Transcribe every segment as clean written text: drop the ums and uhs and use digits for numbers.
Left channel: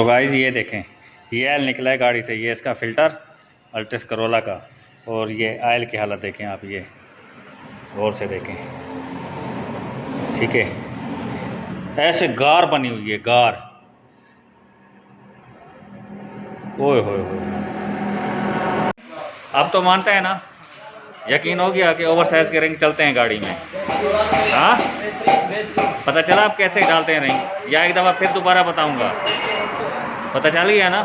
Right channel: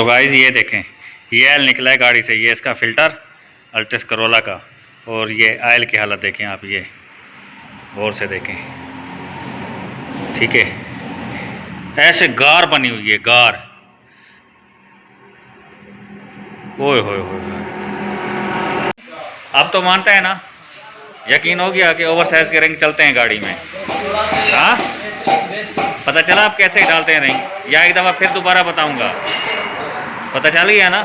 तो गाइस ये देखें, ये आयल निकला है गाड़ी से, ये इसका फ़िल्टर अल्टिस करोला का। और ये आयल की हालत देखें आप, ये गौर से देखें, ठीक है। ऐसे गार बनी हुई है, गार। ओए होए होए, अब तो मानता है ना, यकीन हो गया कि ओवर साइज के रिंग चलते हैं गाड़ी में। हाँ, पता चला आप कैसे डालते हैं रिंग, या एक दफ़ा फिर दोबारा बताऊंगा? पता चल गया ना?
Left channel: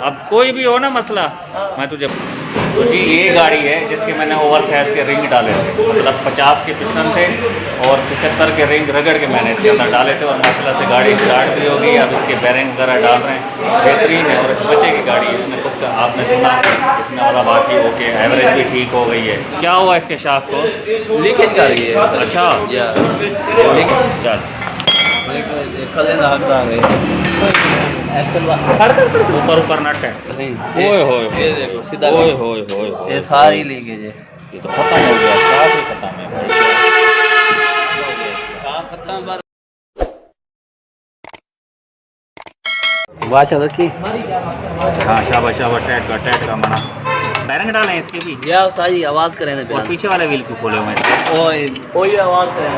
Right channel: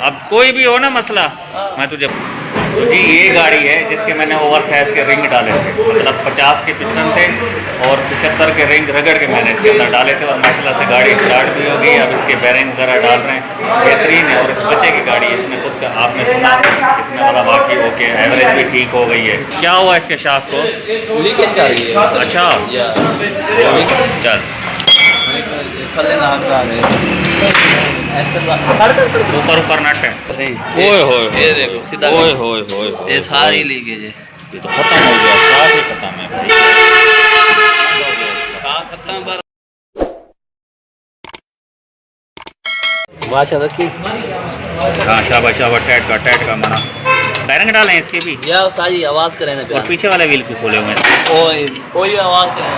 अब कोई भी हो ना मसला, मैं तुझे। तो जी ये गाड़ी है जिसके मैंने ओवर साइज के रिंग डाले थे, मतलब 50 के पिस्टन थे और 75 के रिंग रगड़ के मैंने इसके अंदर डाले थे। और माशाल्लाह से गाड़ी स्टार्ट भी हो गई। अब इसके बैरिंग वगैरह डाल रहे हैं, बेहतरीन है। और इस बच्चे की गाड़ी है, इसमें कुछ आपने सुना इसमें वाला बाकी ओके, एवरेज भी ठीक हो गई है। क्या हुआ इसके शाफ्ट को? लीकेज कर रही है। अच्छा, चल ऊपर ऊपर नट है। ओए होए ओए होए होए, ये सारी लीकेज है। ये तो खत्म हो गया, साफ ही खत्म है भाई। खत्म। वाच रखी। हाँ शाबाश शाबाश, टाइट का मना। बैरिंग डालें इसके भी, या सारी आवाज करे ना। और पीछे वाले व्हील को खोले हुए हैं, ओए कोई आवाज करे ना।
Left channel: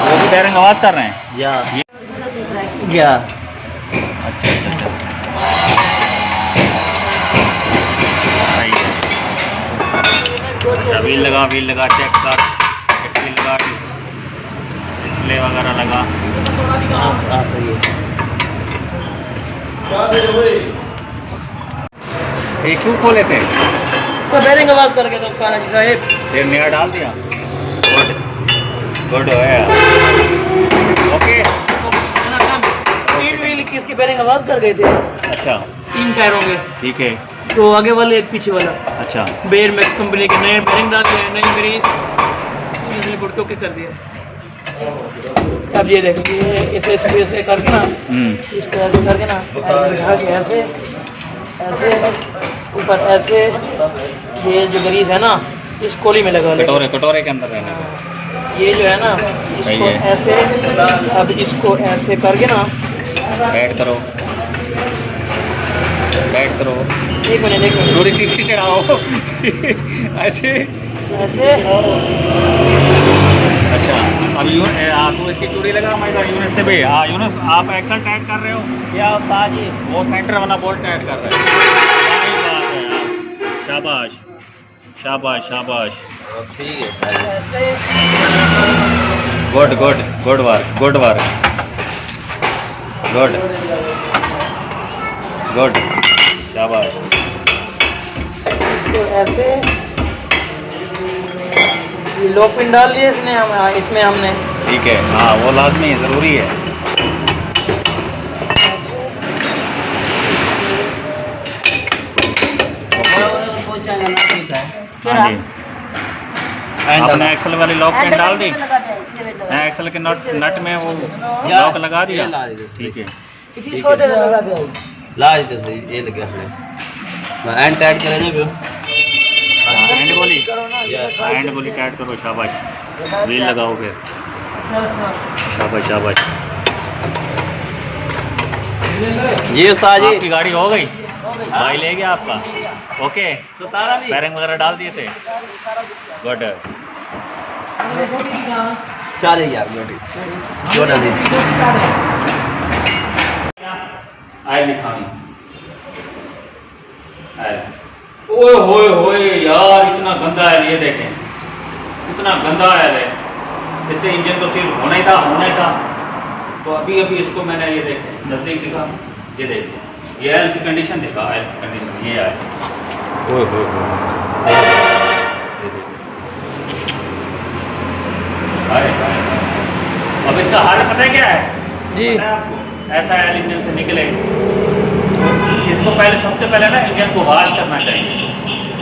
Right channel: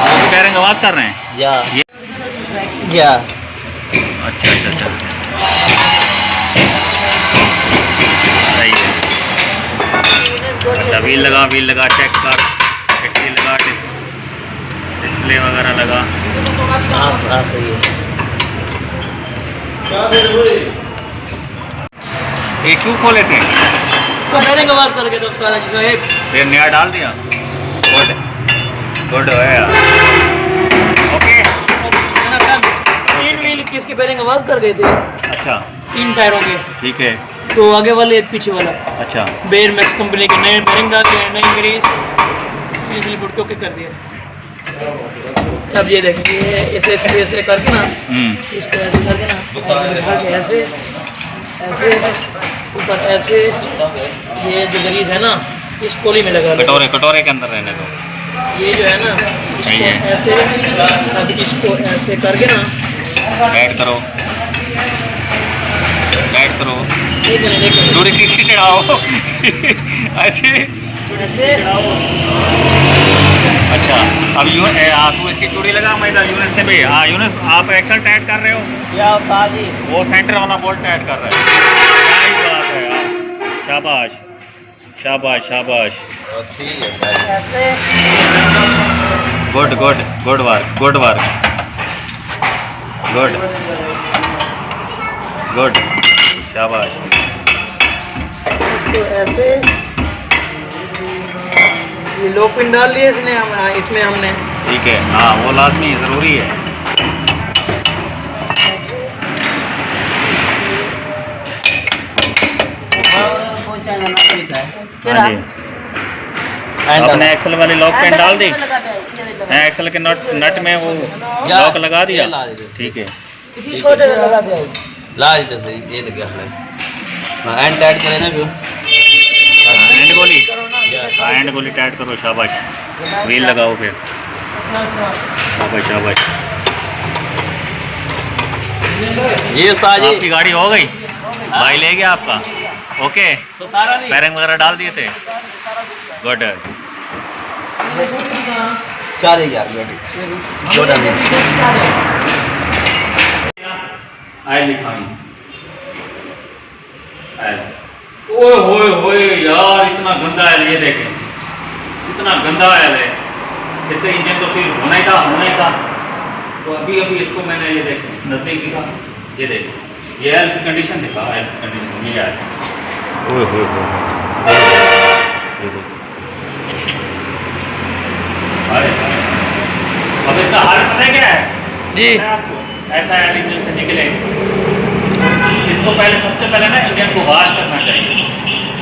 वो भी बैरिंग आवाज कर रहे हैं। या अच्छा अच्छा अच्छा, सही है। अच्छा व्हील लगा, चेक कर, एक्सी लगा, डिस्प्ले वगैरह लगा। सही है। ये क्यों खोले थे? इसको बैरिंग आवाज करके तो उसका साहब फिर नया डाल दिया। गुड है यार, ओके। तीन व्हील की इसकी बैरिंग आवाज कर गई थी। अच्छा, 3 टायरों के, ठीक है। तो आगे वाले एक पीछे वाला। अच्छा, बेयर मैक्स कंपनी के नए बैरिंग डाल दिए, नई ग्रीस बिजली बोर्ड के कर दिया। अब ये देखिए, ऐसे ऐसे करके ना, इसको ऐसे करके ना, ऐसे ऐसे ऊपर ऐसे, ये जो ग्रीस है ना इस कोली में लगा, कटोरे के अंदर रहने दो। ये जो है ना इसको ऐसे, अब इसको ऐसे करके ना टाइट करो, एक मिनट थोड़ी सी चढ़ाओ ऐसे ऐसे। अच्छा, अब तू इसकी चूड़ी लगा, मैं इधर यूनिट से भी। हाँ यूनिट, आप एक्सल टाइट कर रहे हो या जी, वो सेंटर वाला बोल्ट टाइट कर रहे हैं। क्या ही बात है यार, शाबाश शाबाश शाबाश, ठीक है। Good good good work, good शाबाश। इसको ऐसे, ये लो पिन डाल लिए इसमें हमने। ठीक है, हाँ वो लाजमी ज़रूरी है। हाँ जी, आपने एक्सल वाली लॉक पिन डाल दी, एक्सल के नट में वो लॉक लगा दिया, ठीक है। ला दे सही, ये लग गया हमने। मैं एंड टाइट करे ना क्यों? एंड गोली टाइट करो, शाबाश। व्हील लगाओ फिर, शाबाश। ये आपकी गाड़ी हो गई, भाई ले गया आपका, ओके। बैरिंग वगैरह डाल दिए थे, गुड। 4000 oil लिखानी, oil. ओए होए होए यार, इतना गंदा आयल, ये देखें इतना गंदा आयल है। इससे इंजन तो सिर्फ होना ही था। तो अभी इसको मैंने, ये देखें नज़दीक दिखा, ये देखें, ये आयल की कंडीशन दिखा, आयल की कंडीशन ये आयल। ओए होए होए, ये देखो, अरे अब इसका हाल पता है क्या है जी? आपको ऐसा आयल इंजन से निकले, इसको पहले, सबसे पहले ना इंजन को वॉश करना चाहिए।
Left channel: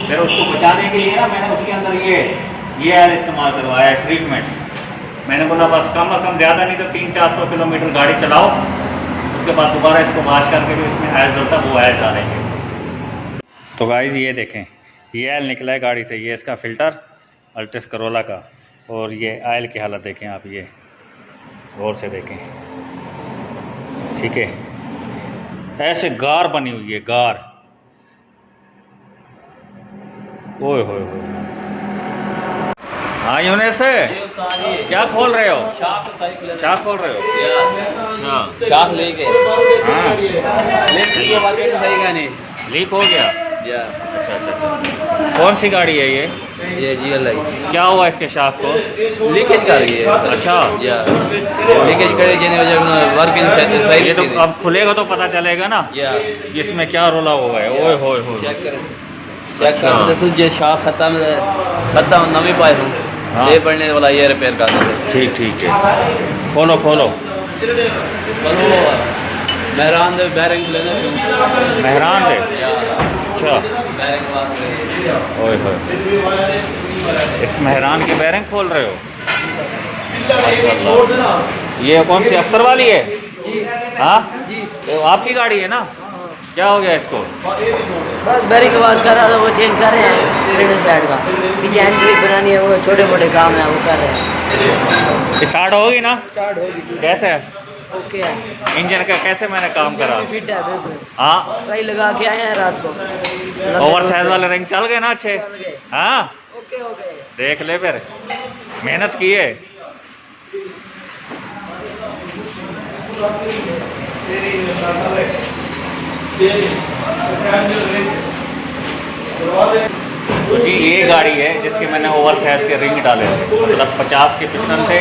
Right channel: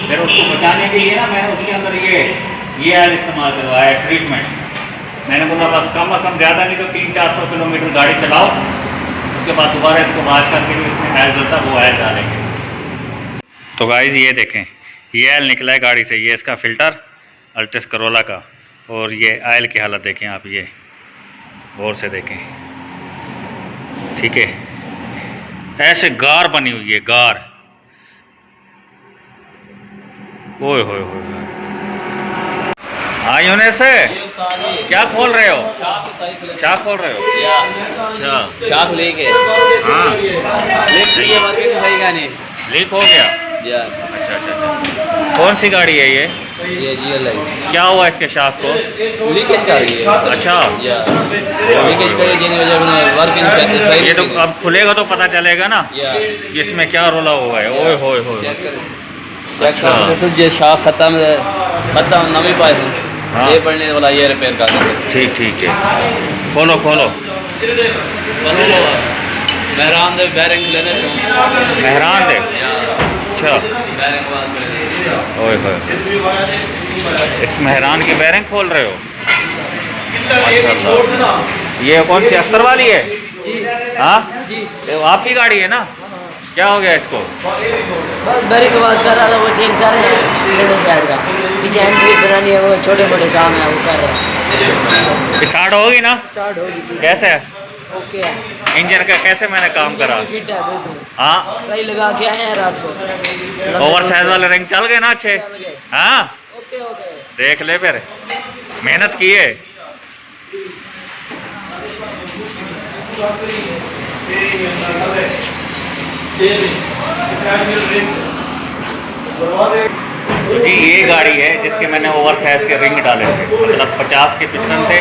फिर उसको बचाने के लिए ना मैंने उसके अंदर ये आयल इस्तेमाल करवाया है, ट्रीटमेंट। मैंने बोला बस कम से कम ज़्यादा नहीं तो 300-400 किलोमीटर गाड़ी चलाओ, उसके बाद दोबारा इसको वॉश करके जो इसमें आयल डलता वो आयल डालेंगे। तो गाइस ये देखें, ये आयल निकला है गाड़ी से, ये इसका फ़िल्टर अल्टिस करोला का। और ये आयल की हालत देखें आप, ये गौर से देखें, ठीक है। ऐसे गार बनी हुई है, गार। ओए होए होए। हाँ यूनिस क्या खोल रहे हो? शाख खोल रहे हो? अच्छा, शाख लेके हाँ सही है, मार्केट में सही गाने। लीक हो गया। या अच्छा अच्छा अच्छा, कौन सी गाड़ी है ये? GLI क्या हुआ इसके शाख को? लीकेज कर रही है। अच्छा, या लीकेज करे जिन वजह से वर्किंग सही ये तो अब खुलेगा तो पता चलेगा ना या कि इसमें क्या रोला हुआ है। ओए होए होए। चेक कर ये शाख खत्म है, खत्म नवी पाए हूं। हाँ। ये पड़ने वाला ये रिपेयर कर देंगे। ठीक ठीक है, खोलो खोलो। मेहरान दे बैरिंग लेने मेहरान दे। अच्छा, ओए होए, इस मेहरान की बैरिंग खोल रहे हो? माशाल्लाह। ये कौन सी अख्तर वाली है? हाँ, ये आपकी गाड़ी है ना? क्या हो गया इसको? बस बैरिंग आवाज कर रहा, वो चेंज कर रहे हैं विंडो साइड का, पीछे हैंड ब्रेक बनानी है, वो छोटे मोटे काम है वो कर रहे हैं। स्टार्ट होगी ना? स्टार्ट होगी। कैसे है ओके है, इंजन का? कैसे मैंने काम करा? फिट है बिल्कुल। हाँ, ट्राई लगा के आए हैं रात को। ओवर साइज वाले रिंग चल गए ना अच्छे? चल गए। हाँ, ओके ओके। देख ले फिर, मेहनत की है। तो जी ये गाड़ी है जिसके मैंने ओवर साइज के रिंग डाले थे, मतलब 50 के पिस्टन थे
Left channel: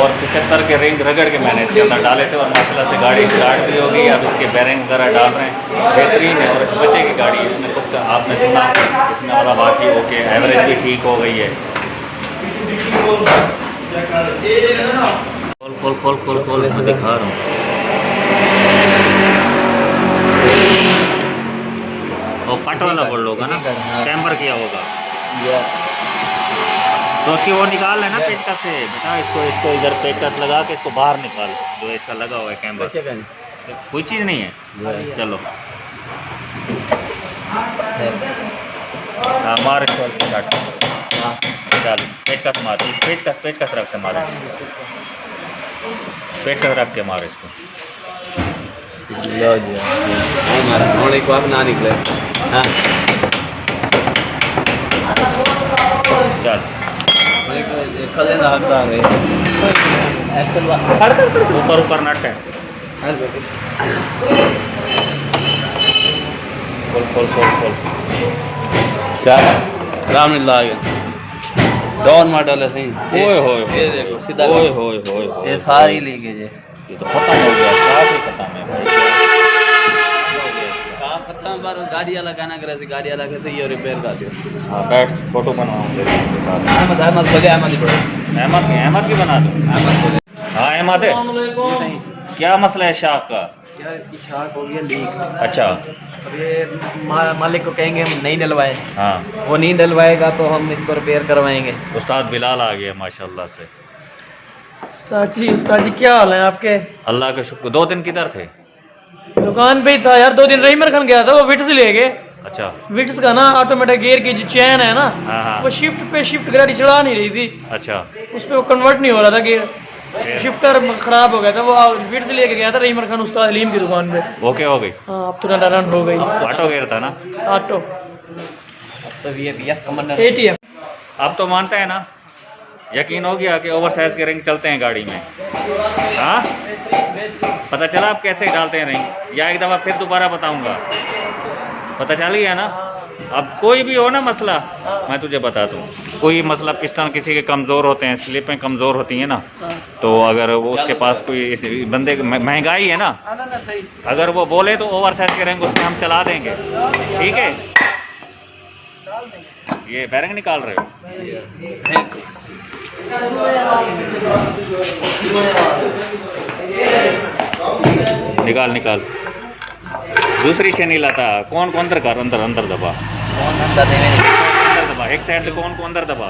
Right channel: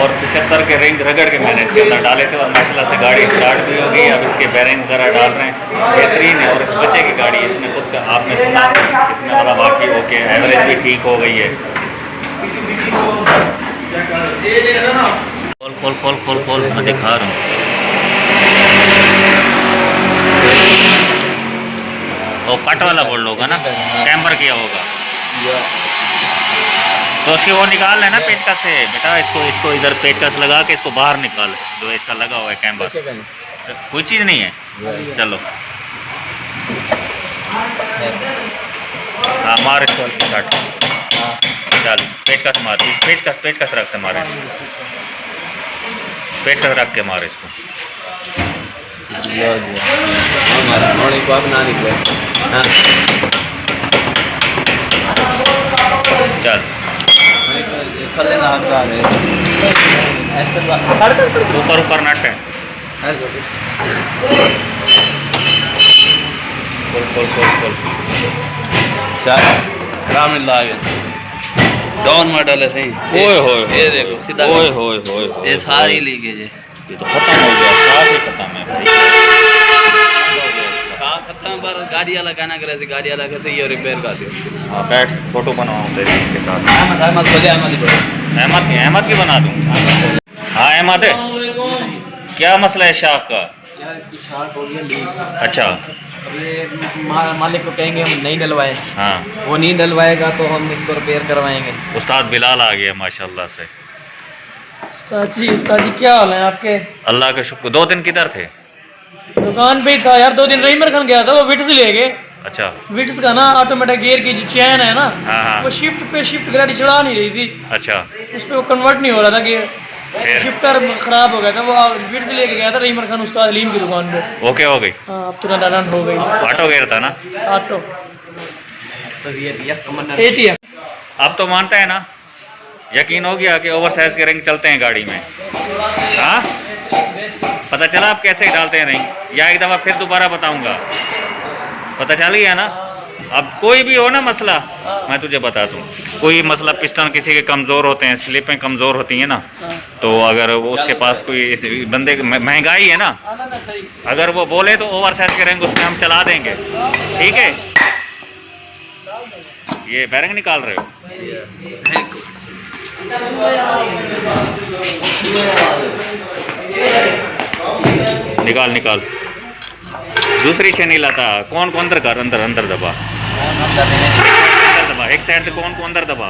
और 75 के रिंग रगड़ के मैंने इसके अंदर डाले थे, और माशाल्लाह से गाड़ी स्टार्ट भी हो गई। अब इसके बैरिंग वगैरह डाल रहे हैं, बेहतरीन है। और इस बच्चे की गाड़ी है, इसमें खुद आपने सुना इसमें वाला बाकी ओके, एवरेज भी ठीक हो गई है। खोल खोल खोल खोल खोल, मैं दिखा रहा हूँ। वो कट वाला बोल होगा ना, कैम्बर किया होगा तो उसकी वो निकाल लेना पेचकस से बेटा। इसको इधर पेचकस लगा के इसको बाहर निकाल, जो इसका लगा हुआ है कैम्बर। कोई चीज़ नहीं है, चलो। हाँ मार इसको शॉट, चल पेचकस मार, पेचकस रख के मारे, पेचकस रख के मार इसको। चल ऊपर ऊपर नट है, खोल खोल खोल खोल। डाउन मॉडल है सही। ओए होए ये देखो सीधा, ओए होए होए, ये सारी लीकेज है। ये तो खत्म हो गया, साफ ही खत्म है भाई। खत्म पर गाड़ी वाला कहना करे थे, गाड़ी वाला कहते ये रिपेयर कर दियो। हाँ बैठ, फोटो बनवाऊँ तेरे इसके साथ। अहमद खोले, अहमद ही पड़े, अहमद की बना दूँ? हाँ अहमद है, क्या मसला है शाख का? यार इसकी शार्ट हो गई है लीक। अच्छा, अब ये मालिक को कहेंगे हम नहीं डलवाए, हाँ वो नहीं डलवाएगा तो हम इसको रिपेयर करवाएंगे। उस्ताद बिलाल आ गया माशाल्लाह से। उस्ताद जी क्या हाल है आपके? अल्लाह का शुक्र। 2 दिन किधर थे? दुकान पे ही था यार, 2 दिन रहीमर खान गया था, वो विट्स ले गए। अच्छा, विट्स का ना ऑटोमेटिक गियर की जो चैन है ना, हाँ हाँ, वो शिफ्ट गाड़ी चला नहीं रही थी, अच्छा उस पर वो कन्वर्ट नहीं हो रहा था गियर, फिर शिफ्टर खराब हो गया था। वो विट्स लेके गया था रहीमर खान उसका अलीम की दुकान पे। ओके हो गई? हाँ अब तुरंत रन हो गई। ऑटो गेयर था ना? ऑटो तो ये ATM। अब तो मानता है ना, यकीन हो गया कि ओवर साइज के रिंग चलते हैं गाड़ी में? हाँ, पता चला आप कैसे डालते हैं रिंग, या एक दफ़ा फिर दोबारा बताऊंगा? पता चल गया ना? अब कोई भी हो ना मसला, मैं तुझे बता दूं, कोई मसला पिस्टन किसी के कमज़ोर होते हैं, स्लिपें कमज़ोर होती हैं ना, तो अगर वो उसके पास कोई इस बंदे महंगाई है ना, अगर वो बोले तो ओवर साइज के रिंग उसमें हम चला देंगे, ठीक है? ये बैरिंग निकाल रहे हो? निकाल निकाल, दूसरी से नहीं लाता। कौन को अंदर कर, अंदर अंदर दबा, अंदर दबा, एक साइड से कौन को अंदर दबा।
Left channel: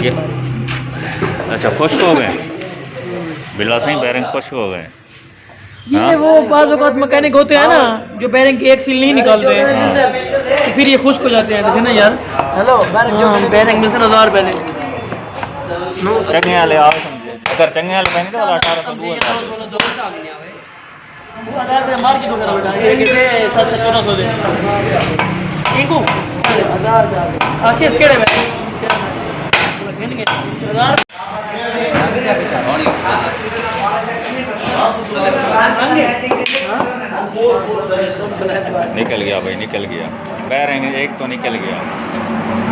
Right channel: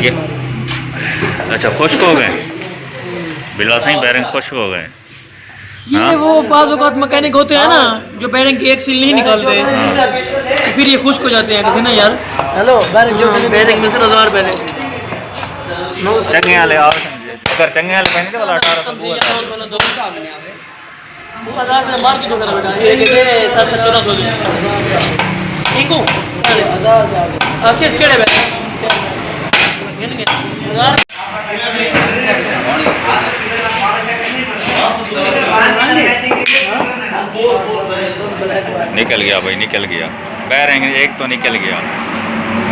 ये अच्छा खुश्क हो गए, बिल्ला सही बैरिंग खुश्क हो गए। ये वो बाज़ औक़ात मैकेनिक होते हैं ना जो बैरिंग की एक सील नहीं निकालते, तो फिर ये खुश्क हो जाते हैं, कहते ना यार। हेलो बैरिंग मिलते 1000 पहले चंगे वाले आओ समझे। अगर चंगे वाले पहने थे वाला 1800 वो आधार से मार्केट होगा बेटा ये कितने 700 दे इनको किस केड़े में निकल गया भाई, निकल गया। बैरिंग एक तो निकल गया,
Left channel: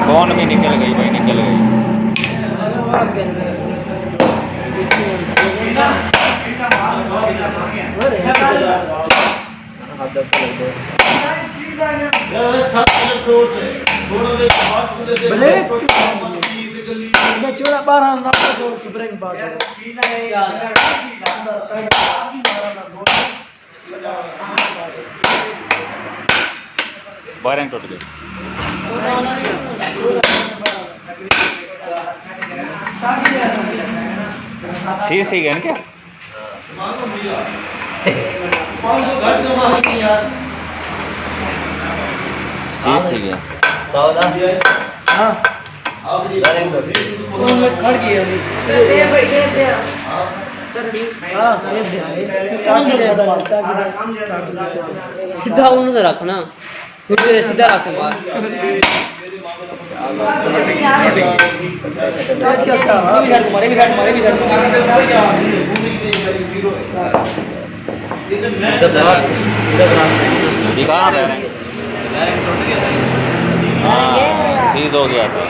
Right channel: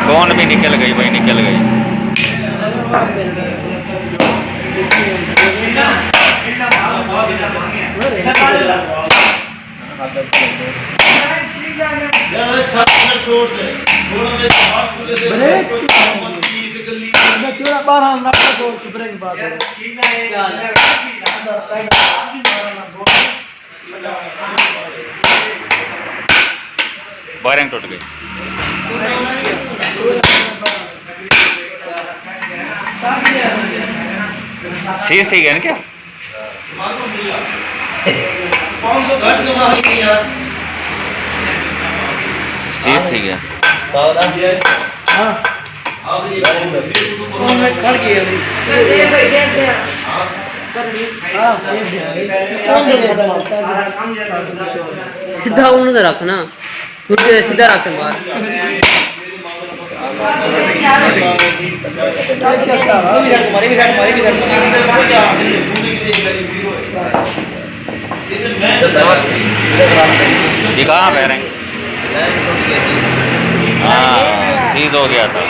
कौन भी निकल गई भाई, निकल गई। बैरिंग टूट गई। सीज ठीक है ना क्या? सीज ठीक है। सीधा उन्हें रखना, सीधा रखना। दिखा बैरिंग, हाँ सीज हो गया था।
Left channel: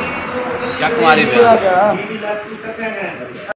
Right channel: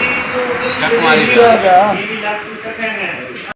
चक मारी